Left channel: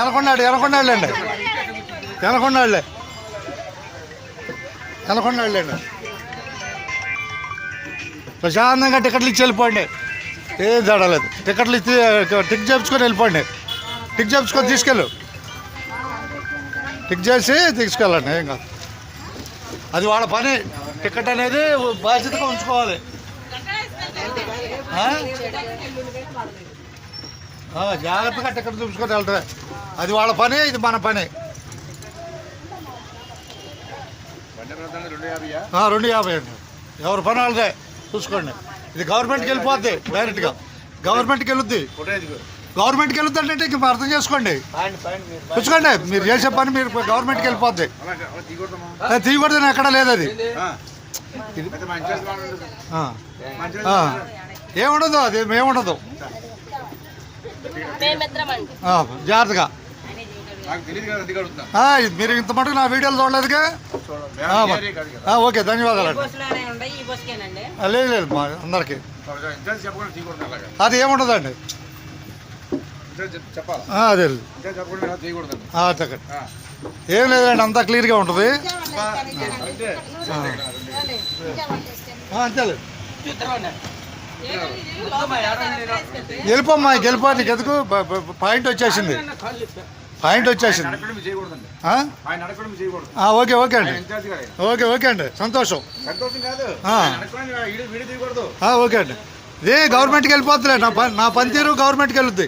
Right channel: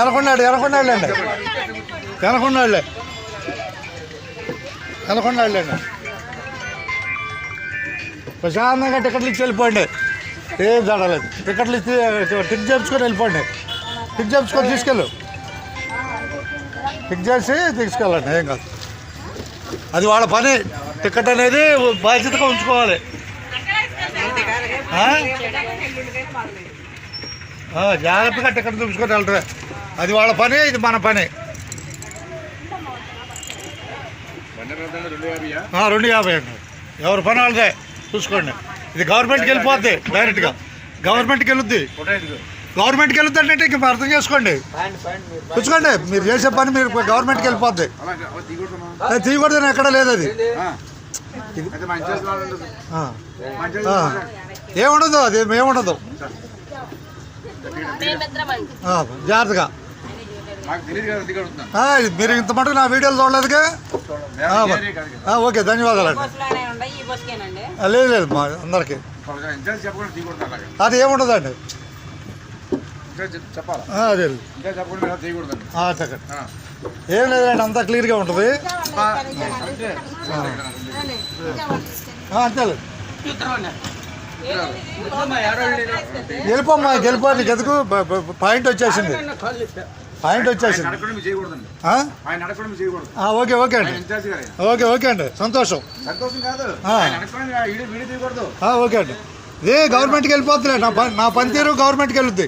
ఎనకొండాడు ఎనకొండాళ్ళండి ఎనకొండాళ్ళే ఎనకొండాళ్ళండి ప్రశాంతంగా టికెట్లు ఇచ్చి వెళ్ళిపోండి. ఏం జడలేదు. టికెట్లు ఇచ్చి టిక్ చేయించుకొని వెళ్ళిపోండి. టిక్ చేయించుకొని తీసుకెళ్ళు. టిక్ చేసి తీసుకెళ్ళండి. ఏం కాదు, అది వాళ్ళ పని. టికెట్ అనేది బాధ్యతగా ఉంచుకోవాలి. జాగ్రత్తగా టికెట్ చూపించుకొని వెళ్తారు. అది వాళ్ళ పని, ఇది మన పని. 250 అండి. ఎవరి పని వాళ్ళదే చూసుకోండి. ఇది గవర్నమెంట్కి వెళ్ళిపోద్ది. డైరెక్ట్గా గవర్నమెంట్కి వెళ్ళొద్ది. గవర్నమెంట్కి వెళ్ళొద్ది అంటే ఇంక అర్థం చేసుకోండి. చూసుకోండి, మీరు చేసే పని మీరు గవర్నమెంట్కి వెళ్ళిపోద్ది. తీయకూడదని ఎక్కడ లేదు. అది ఏముండదు, అది ఏముండదు. జాగ్రత్తగా. మీరు ఇంత మటుకు నా వీడియోలు చూడలేదుగా. ఓకే, ధన్యవాదాలండి. లేదు లేదు, మా అందరికి అది ఏముండదు అండి. అదే చెప్పండి. ఏం లేదండి, అంతా క్లియర్గా ఉంటుంది. అంతేలేదు. వెళ్ళిపోమ్మా, వెళ్ళిపోండి. గదుకు పాయింట్ వచ్చేసింది. ఓకే ఓకే అండి. ఓకే అండి, సంతోషం. ఓకే అండి. ఇదే గవర్నమెంట్కి వెళ్ళిపోతులే. నా పనితీరు గవర్నమెంట్కి వెళ్ళొద్ది.